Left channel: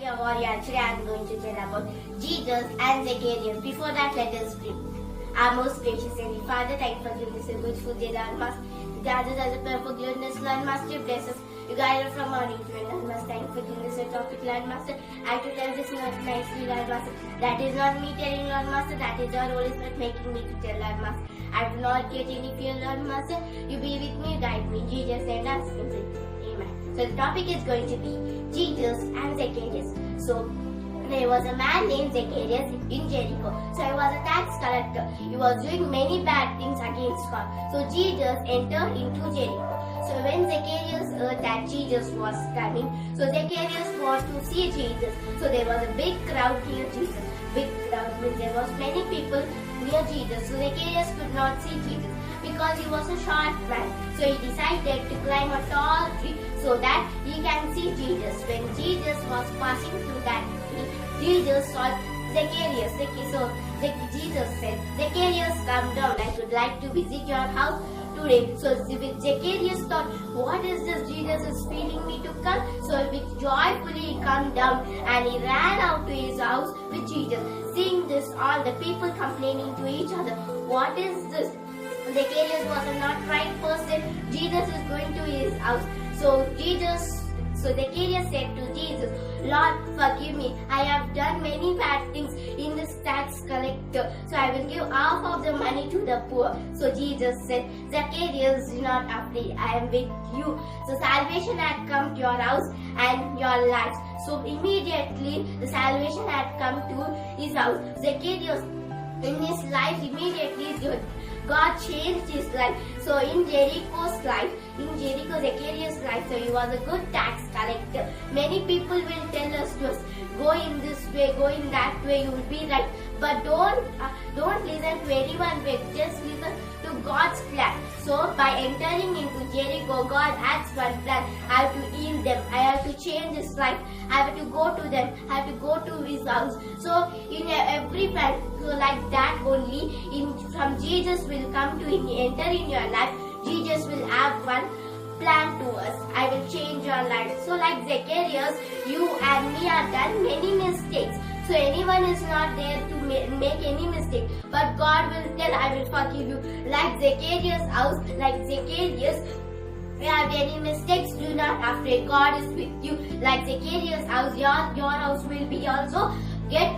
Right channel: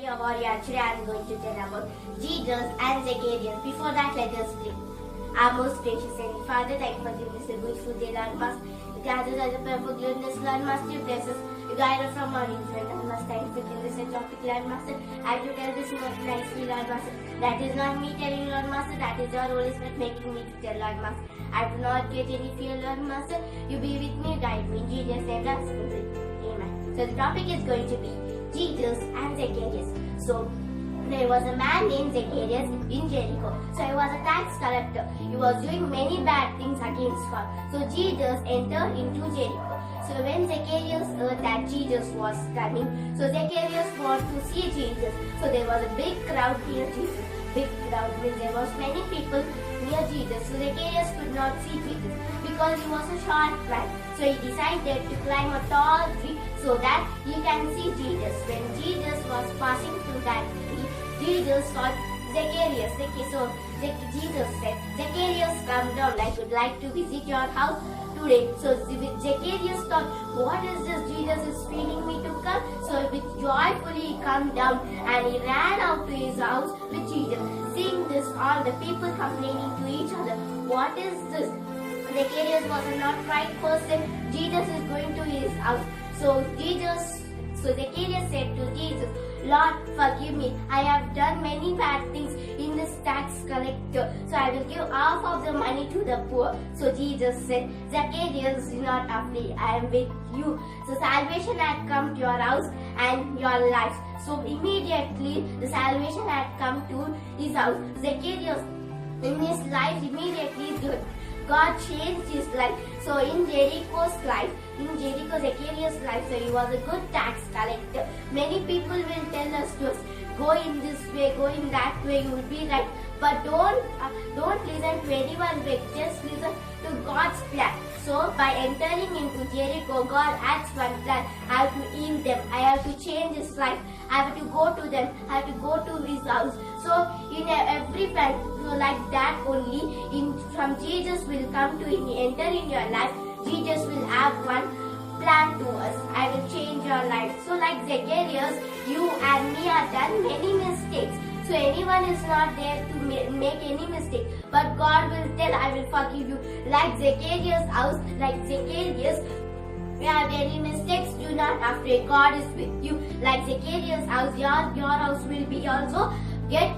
Dear warrior, today I am going to tell about Jesus and Zacchaeus. Before that, let us pray. Our most gracious Heavenly Father, thank you for giving us a good food day, Lord. Must gather as a prayer for goodness, Lord. Master, you bless us. You guide us from morning to night, Lord. Must thank you for giving us a topic, Lord. Master, I have to tell this not nicely, Lord. Master, that is not me telling, Lord. Master, that is your Holy Spirit making me to tell, Lord. Master, I do not get any fear, Lord. Master, you be with me, guide me. In Jesus' name, that's complete. Amen. So the topic is going to be Jesus and Zacchaeus. So there was a man named Zacchaeus in Jericho. So he was a tax collector. He was doing many bad things against God. So Jesus entered into Jericho. So when Zacchaeus heard that Jesus was coming, so Zacchaeus wanted to see Jesus. So there was a big crowd near Jesus. Big crowd means there was many people near Jesus. So Zacchaeus could not see Jesus because he was a short man. So he decided to climb a tall tree so that he can see Jesus. When Jesus was passing through that tree, Jesus saw Zacchaeus. So Jesus said, "Zacchaeus, come down. I would like to visit your house today." So Zacchaeus thought, what is this? Jesus is feeling me to come. So with joyfully he come down and he ran out to his house with Jesus. Seeing this, all the people complaining to each other, what is this? Zacchaeus was a not right person. Jesus is going to his house. So Zacchaeus said to Jesus, "Lord, forgive me. I have done many bad things in this tax collector. So I will give half of the money to the poor." So Jesus said, "Zacchaeus, do not afraid. I am with you." So salvation had come to your house and your lives. So immediately the salvation had come to his house. Zacchaeus, in his life, immediately God changed his life. So in Zacchaeus' life, so he was a good tax collector. Many people will tell us to us, go in this way, go in that way, you will be right. But don't listen to anyone's way. Just listen to God's plan. So by entering into Jericho, God has one plan. I have to heal them. I have to change his life. I have to go to them. I have to go to his house. So in every plan, so like that only, from Jesus will come to enter in your life. Jesus will have one plan to us. I will change your life. So like Zacchaeus, you and me have done many mistakes. So anyone is not there to make any mistake. But God will tell, I will forgive you. Like Zacchaeus' house, like Zacchaeus, if you have any mistakes, do not afraid. God is with you. Like Zacchaeus' house, your house will be also get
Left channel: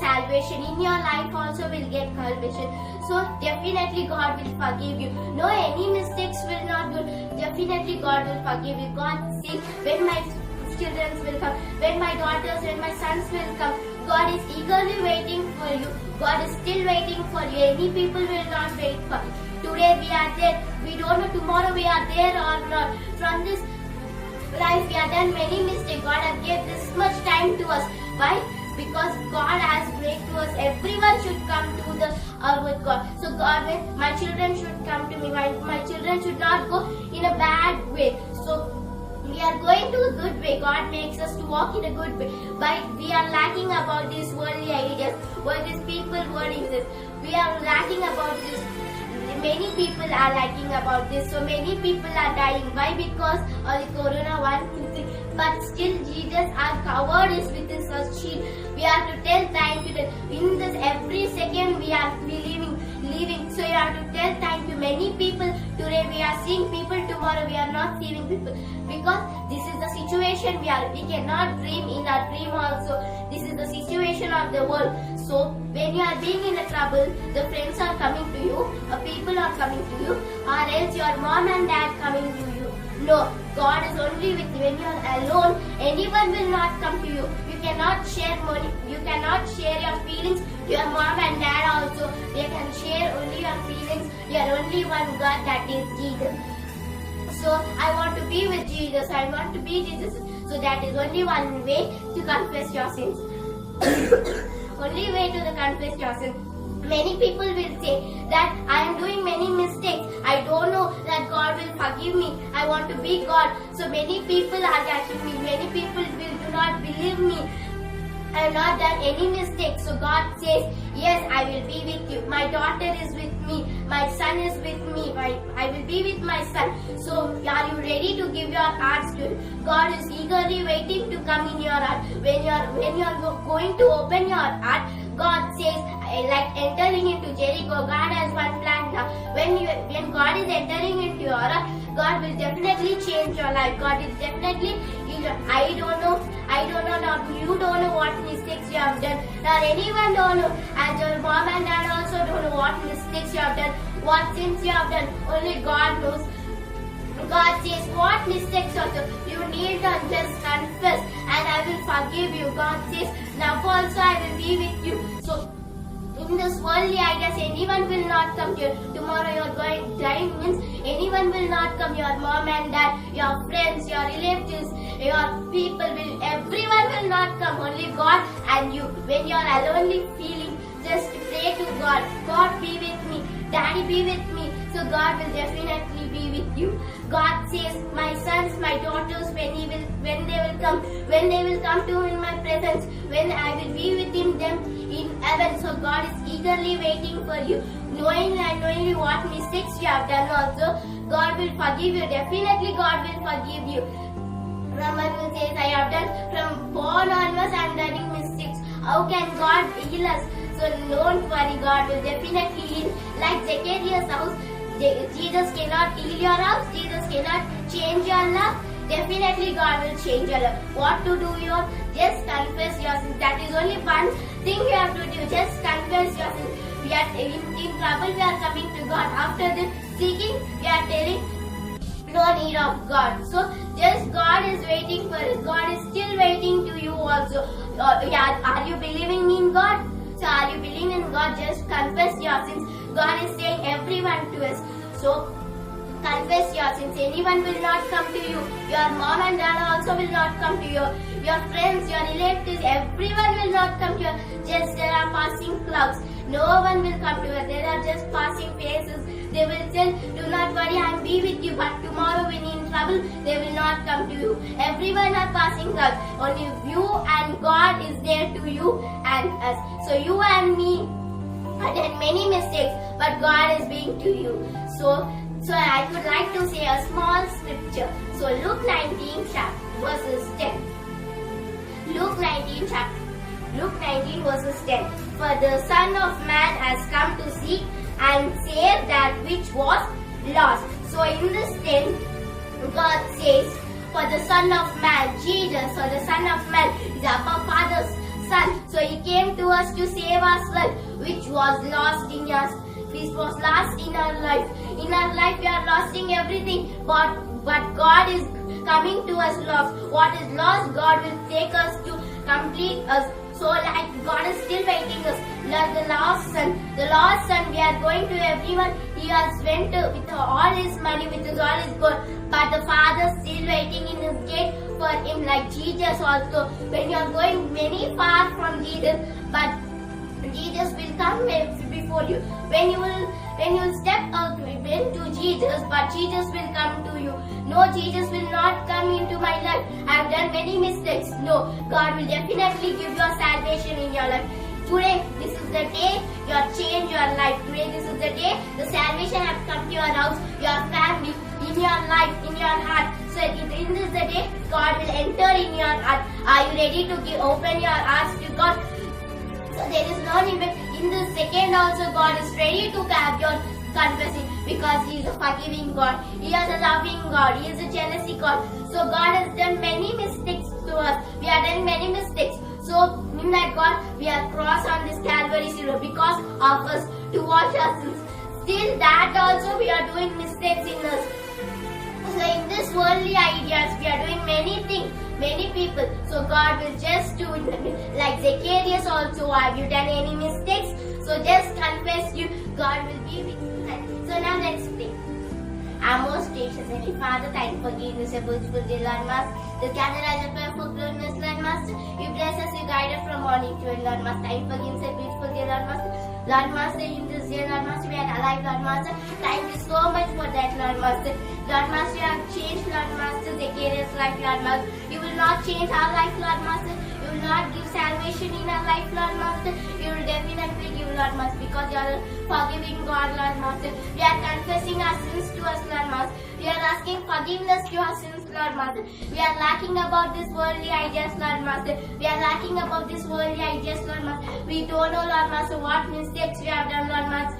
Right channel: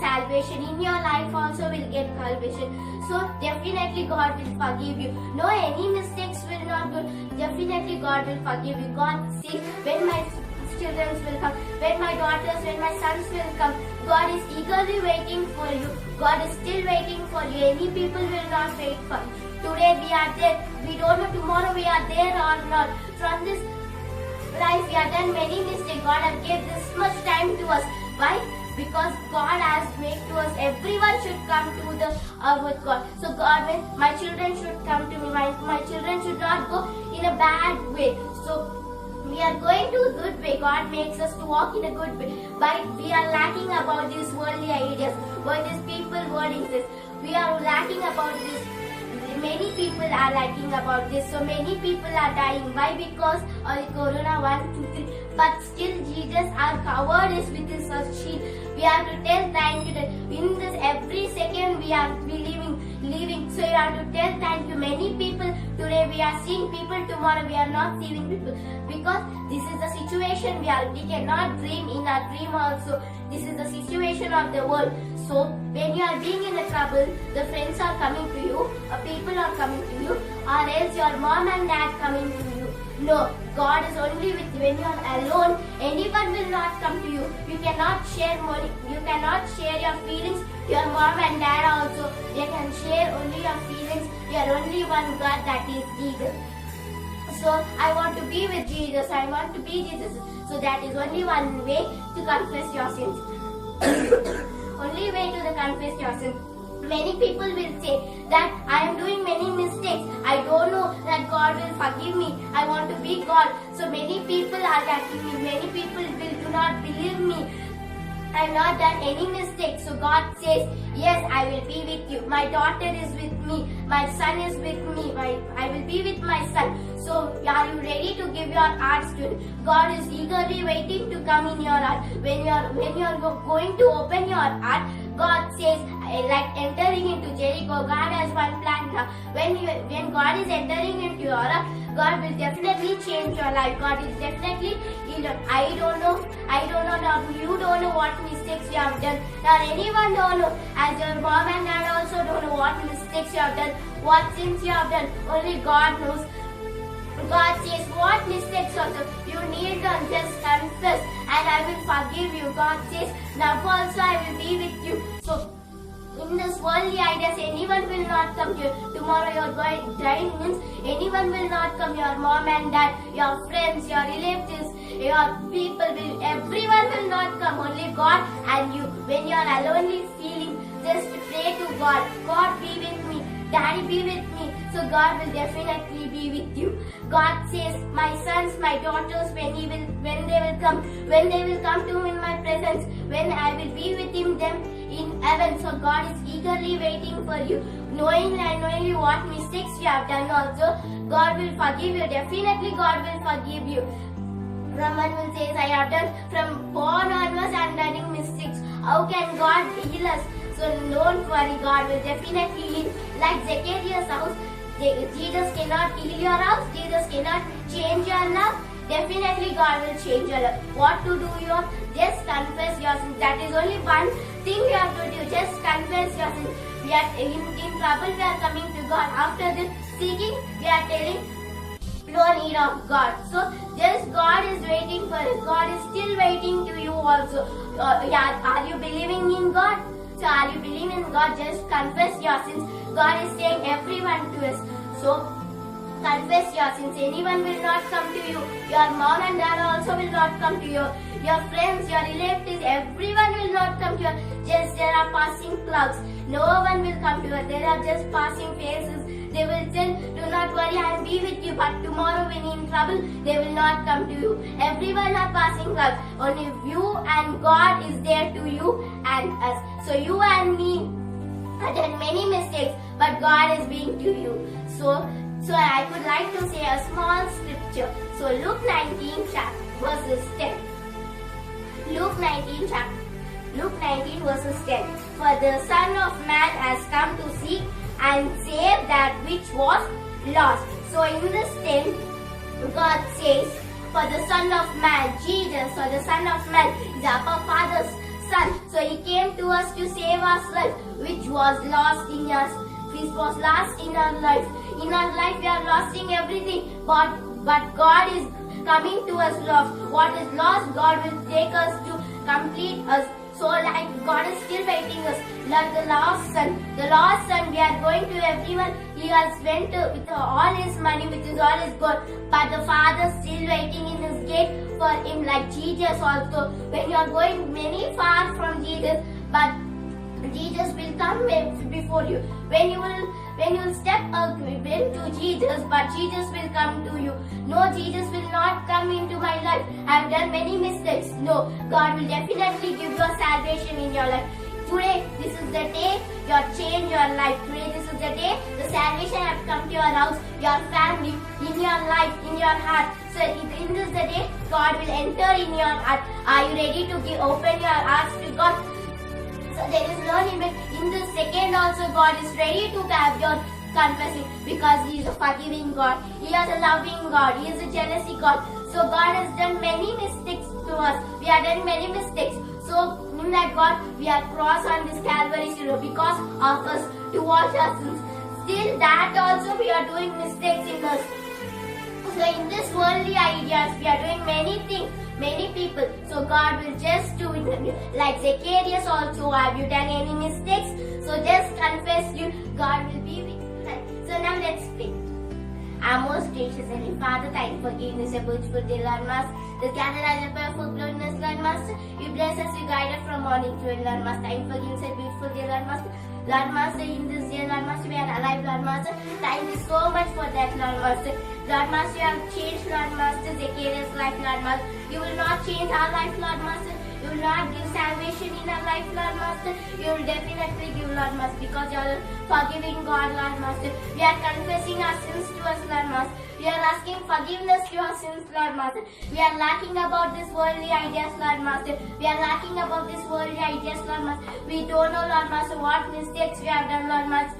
salvation. In your life also will get salvation. So definitely God will forgive you. No, any mistakes will not do. Definitely God will forgive you. God says, when my children will come, when my daughters, when my sons will come, God is eagerly waiting for you. God is still waiting for you. Any people will not wait for you. Today we are there. We don't know tomorrow we are there or not. From this life we have done many mistakes. God has given this much time to us. Why? Because God has made to us, everyone should come to the with God. So God will, my children should come to me. My children should not go in a bad way. So we are going to a good way. God makes us to walk in a good way. But we are lacking about these worldly ideas. What these people wording this. We are lacking about this. Many people are lacking about this. So many people are dying. Why? Because of the Corona 1, 2, 3. But still Jesus, our covered is with his shield. We have to tell thank you. In this every second we are living. So you have to tell thank you. Many people today we are seeing people, tomorrow we are not seeing people. Because this is the situation we are. We cannot dream in our dream also. This is the situation of the world. So when you are being in a trouble, the friends are coming to you, people are coming to you, or else your mom and dad coming to you. No, God is only with you. When you are alone, anyone will not come to you. You cannot share money. You cannot share your feelings to your mom and dad also. You can share only your feelings. You are only one God, that is Jesus. So I want to be with Jesus. I want to be Jesus. So that is only one way to confess your sins. Only way to confess your sins. Many people will say that I am doing many mistakes. I don't know that God will forgive me. I want to be God. So many people are attacking me. Many people do not believe me. I have not done any mistakes. So God says, yes, I will be with you. My daughter is with me. My son is with me. I will be with my son. So are you ready to give your hearts to Him? God is eagerly waiting to come in your heart. When you are going to open your heart, God says, like entering into Jericho, God has one plan now. When God is entering into your heart, God will definitely change your life. God is definitely, I don't know, now you don't know what mistakes you have done. Now anyone don't know. As your mom and dad also don't know what mistakes you have done, what sins you have done. Only God knows. God says, what mistakes also you need to just confess and I will forgive you. God says, now also I will be with you. So in this worldly ideas, anyone will not come to you. Tomorrow you are going dying means anyone will not come. Your mom and dad, your friends, your relatives, your people will, everyone will not come. Only God and you. When you are alonely feeling, just pray to God. God, be with me. Daddy, be with me. So God will definitely be with you. God says, my sons, my daughters, when they will come to in my presence, when I will be with them in heaven. So God is eagerly waiting for you. Knowing and knowingly what mistakes you have done also, God will forgive you. Definitely God will forgive you. Someone will say, I have done from born onwards, I am doing mistakes. How can God heal us? So don't worry, God will definitely heal. Like Zacchaeus' house, Jesus cannot heal your house. Jesus cannot change your life. Definitely God will change your life. What to do? Just confess your sins. That is only one thing you have to do. Just confess your sins. We are in trouble. We are coming to God. After this seeking, we are telling no need of God. So just God is waiting for us. God is still waiting to you also. Are you believing in God? So are you believing in God? Just confess your sins. God is saying everyone to us. So confess your sins. Anyone will not come to you. Your mom and dad also will not come to you. Your friends, your relatives, everyone will not come to you. Just there are passing clouds. No one will come to you. There are just passing faces. They will tell, do not worry, I will be with you. But tomorrow when you are in trouble, they will not come to you. Everyone are passing clouds. Only you and God is there to you and us. So you and me have done many mistakes, but God is being to you. So I could like to say a small scripture. So Luke 19 verses 10. Luke 19 verses 10. For the Son of Man has come to seek and save that which was lost. So in this 10, God says, for the Son of Man, Jesus, or the Son of Man is our Father's Son. So He came to us to save us life, which was lost in us. Which was lost in our life. In our life, we are losing everything, but God is coming to us lost. What is lost, God will take us to complete us. So like God is still waiting us. Like the lost son, we are going to everyone. He has went with all his money, with all his gold, but the Father still waiting in his gate for him. Like Jesus also, when you are going many far from Jesus, but Jesus will come before you. When you will step out into Jesus, but Jesus will come to you. No, Jesus will not come into my life. I have done many mistakes. No, God will definitely give you salvation in your life. Today, this is the day you have changed your life. Today, this is the day the salvation has come to your house, your family, in your life, in your heart. So, in this the day, God will enter in your heart. Are you ready to open your hearts to God? So there is no limit. In this second also God is ready to have your confessing, because He is a forgiving God. He is a loving God. He is a jealousy God. So God has done many mistakes to us. We have done many mistakes. So in that God, we are crossed on this Calvary silver because of us to wash our sins. Still that also we are doing mistakes in us. So in this worldly ideas, we are doing many things, many people. So God will just do it. Like Zacchaeus also, have you done any mistakes? So just confess you, God will be with you. So now let's pray. Our most gracious Heavenly Father, thank you for giving us a beautiful day, Lord Master. The gather as a prayer for glorious, Lord Master. You bless us, you guide us from morning to end, Lord Master. Thank you for giving us a beautiful day, Lord Master. Lord Master, in this day, Lord Master, we are alive, Lord Master. Thank you so much for that, Lord Master. Lord Master, you have changed, Lord Master, Zacchaeus' life, Lord Master. You will not change our life, Lord Master. You will not give salvation situation in our life, Lord Master, you will definitely give, Lord Master, because you are a forgiving God, Lord Master. We are confessing our sins to us, Lord Master. We are asking forgiveness to our sins, Lord Master. We are lacking about this worldly ideas, Lord Master. We are lacking about this worldly ideas, Lord Master. We don't know, Lord Master, what mistakes we have done, Lord Master.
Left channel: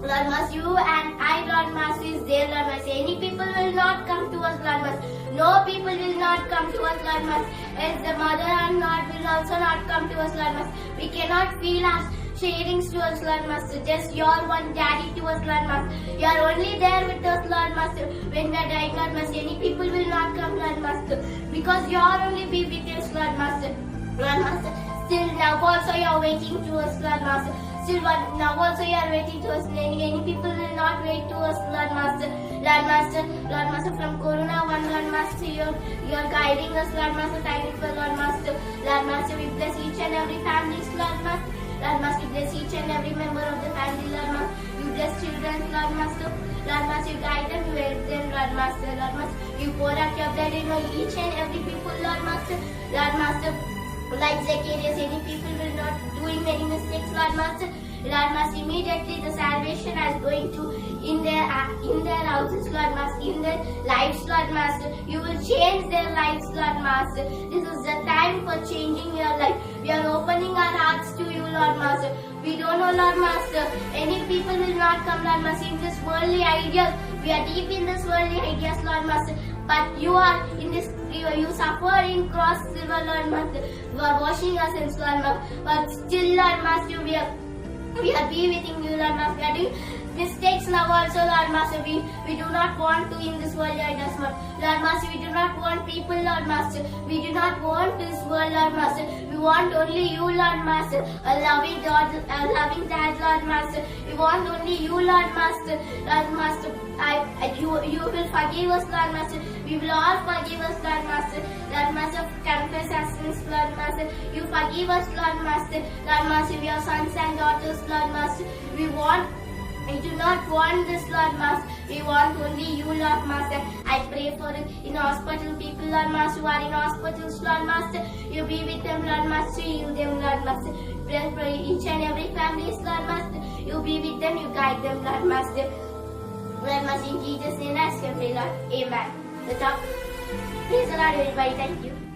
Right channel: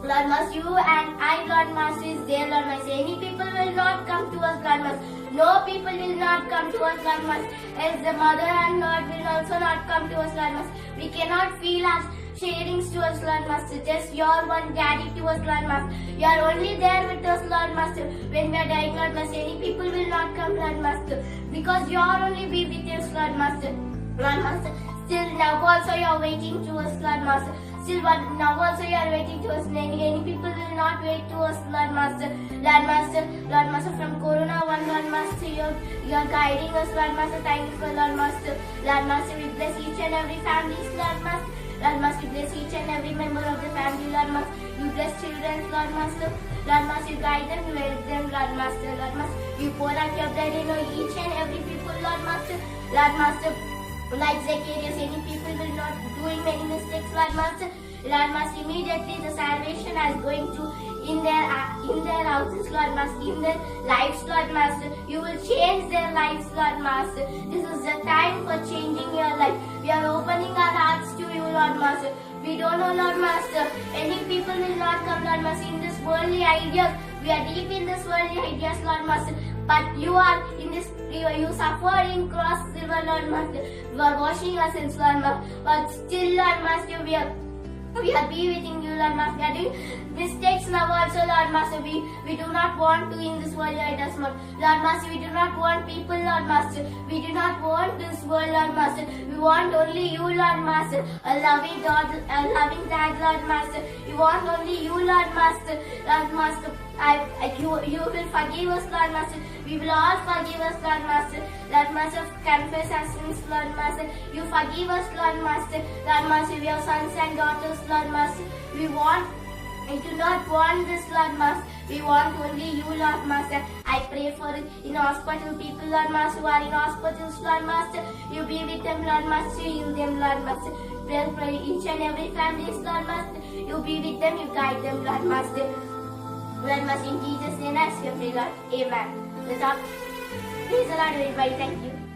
Lord Master, you and I, Lord Master, is there, Lord Master. Any people will not come to us, Lord Master. No people will not come to us, Lord Master. As the mother and Lord will also not come to us, Lord Master. We cannot feel our sharings to us, Lord Master. Just your one daddy to us, Lord Master. You are only there with us, Lord Master. When we are dying, Lord Master, any people will not come, Lord Master. Because you are only be with us, Lord Master. Lord Master, still now also you are waiting to us, Lord Master. Still now also you are waiting to us. Any people will not wait to us, Lord Master. Lord Master, from Corona 1, Lord Master, you are guiding us, Lord Master. Thank you for Lord Master. Lord Master, we bless each and every family, Lord Master. Lord Master, we bless each and every member of the family, Lord Master. You bless children, Lord Master. Lord Master, you guide them, you help them, Lord Master. Lord Master, you pour out your blood in each and every people, Lord Master. Lord Master, like Zacchaeus, any people will not doing many mistakes, Lord Master. Lord Master, immediately the salvation is going to in their houses, Lord Master, in their lives, Lord Master. You will change their lives, Lord Master. This is the time for changing your life. We are opening our hearts to you, Lord Master. We don't know, Lord Master. Any people will not come, Lord Master, in this worldly ideas. We are deep in this worldly ideas, Lord Master. But you are in this, you suffer in cross silver, Lord Master. You are washing us in, Lord Master. But still, Lord Master, we are be with you, Lord Master. We are doing mistakes now also, Lord Master. We do not want to in this world, Lord Master. We do not want people, Lord Master. We do not want this world, Lord Master. We want only you, Lord Master. A loving God, a loving Dad, Lord Master. We want only you, Lord Master. Lord Master, you will forgive us, Lord Master. We will all forgive us, Lord Master. Lord Master, confess our sins, Lord Master. You forgive us, Lord Master. Lord Master, we are sons and daughters, Lord Master. We do not want this, Lord Master. We want only you, Lord Master. I pray for it in hospital people, Lord Master, who are in hospitals, Lord Master. You be with them, Lord Master. Heal them, Lord Master. Pray for each and every family, Lord Master. You be with them, you guide them, Lord Master. Lord Master, in Jesus' name I pray, Lord. Amen. Praise the Lord, everybody. Thank you.